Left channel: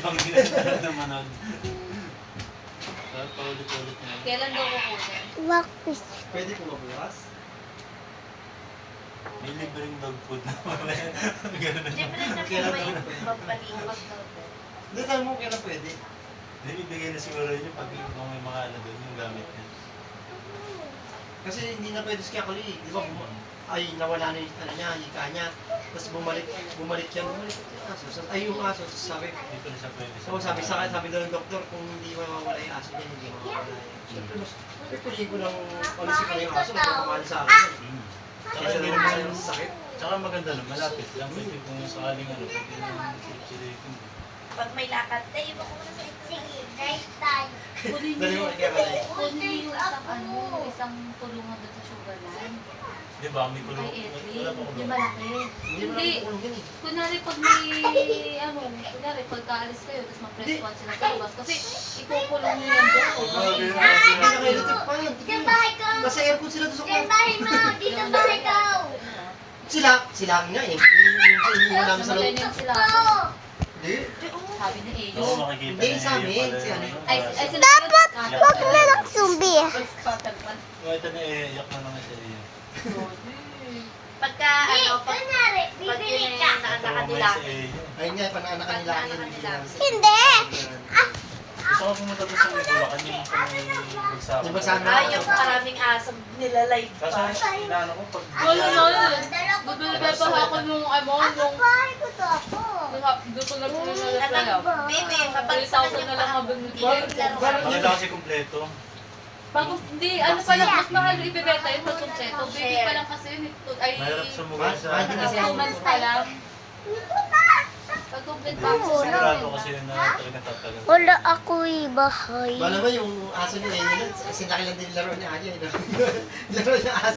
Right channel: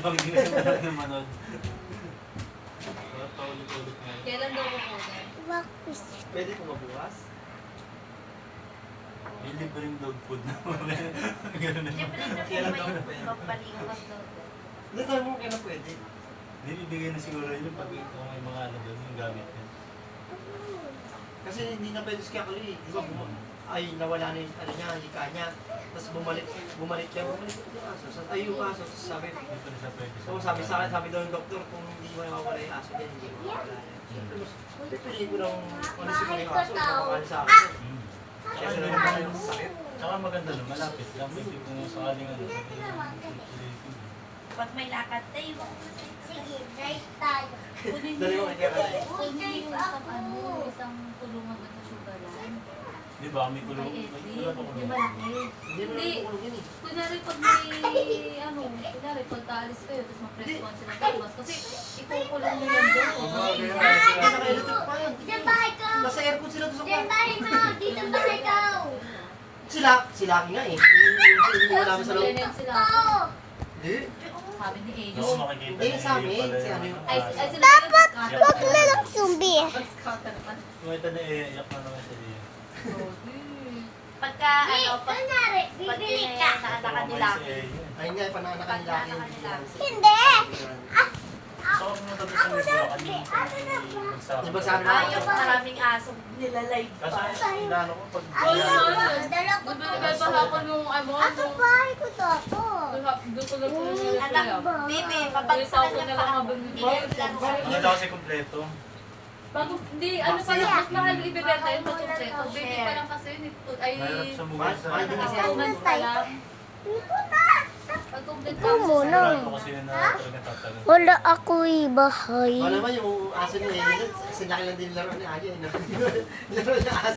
ibang ginagawa ng manood. Paulit-ulit na. Kailan daw kukunin? Wakpis. Pwede ko mabukas? May libreng dog food na wala. Ganun na. Siyempre na Kailan po daw may pwede? pampaliwas daw. Hindi, sabi mo kailan pwede. Hindi, bibigay na siguro yun pag kung may mga ano doon yung gamit niya. Kasi hindi na pwede si Kakuli. Di ba? Ay, nawala na yung ano niya, hika niya. Tapos bumalik yung aso. Ay, yung aso. Tapos sabi, Hindi pa na siya pwede. so sabi sa akin, sabi daw ng doktor, kung hindi mawawala yung aso niya, hindi mawawala. Siyempre, mas pipiliin ko ng policy ko na yung aso. Kung kumali sa akin. Mm. Tsaka Kasi hindi hindi naman naman sakit. Tsaka maganda no, malapit lang. Pwede kung sakaling ano, pwede naman silip-silipin. Pag may lakad, tayo ba muna sa Sige, right tayo. Kunin Dali mo kay Kakuli. Kunin yung isang ano, isang tulungan doon sa sugar line. Di ba, may kulong. Kay Edwin. Wala pa Di kulong. malaki. Hindi mo Hindi. na kukulong yun eh. Kunwari pag may, kunwari pagkaalis kayo, tapos mag-press one sila sa labas. Kasi ikukulong nyo yung buko. Hindi naka-electric pa yun. Dito bahay ko. Nasa aircon sila doon sa Dito kwarto. bahay mo. Dito bahay ko. Sila nga eh. Hindi mo namin sa loob. Magaling sila. Oo. Hindi. Sabi ni Ayo. Gusto mo makikita Hindi, na sa amin, pala si ano yung yun. Ay, aso. sila yung Wag na lang sumbi. scatter pa. Yung ito na iiyak na naman siya niya. Pagka, ano, pag Kunwari, pag bibili yun ka. na nakaanak nila. Ayun nga, pananakan nila. Hindi. Gusto ko pumunta doon sa Bulacan yung magsama. Yung magsama. Ah, yung maraming aso nilalay Kaso pa. inaano ko pag Bibili pa ako nung ano, nung Bahay ko to ako. gusto na po nila Anak ba? Bibi, kapag sa kanya pa ako, bigay ko lang Bakit? Yan lang kasi kumpleto. Bago, hindi, ano pa lang, mas mahal ibibenta yun pag kompleto. Baby pa lang kasi yun, ay, Mahirap sumugal sa Ay, hindi siya- 2 months pa lang. Pag complete pa ako, sigurado kasi yun na talagang tatagal. Wala ako'y bahay. Wala naman yung aso niya eh. Kasi laki lang din laro niya. Laro niya aso.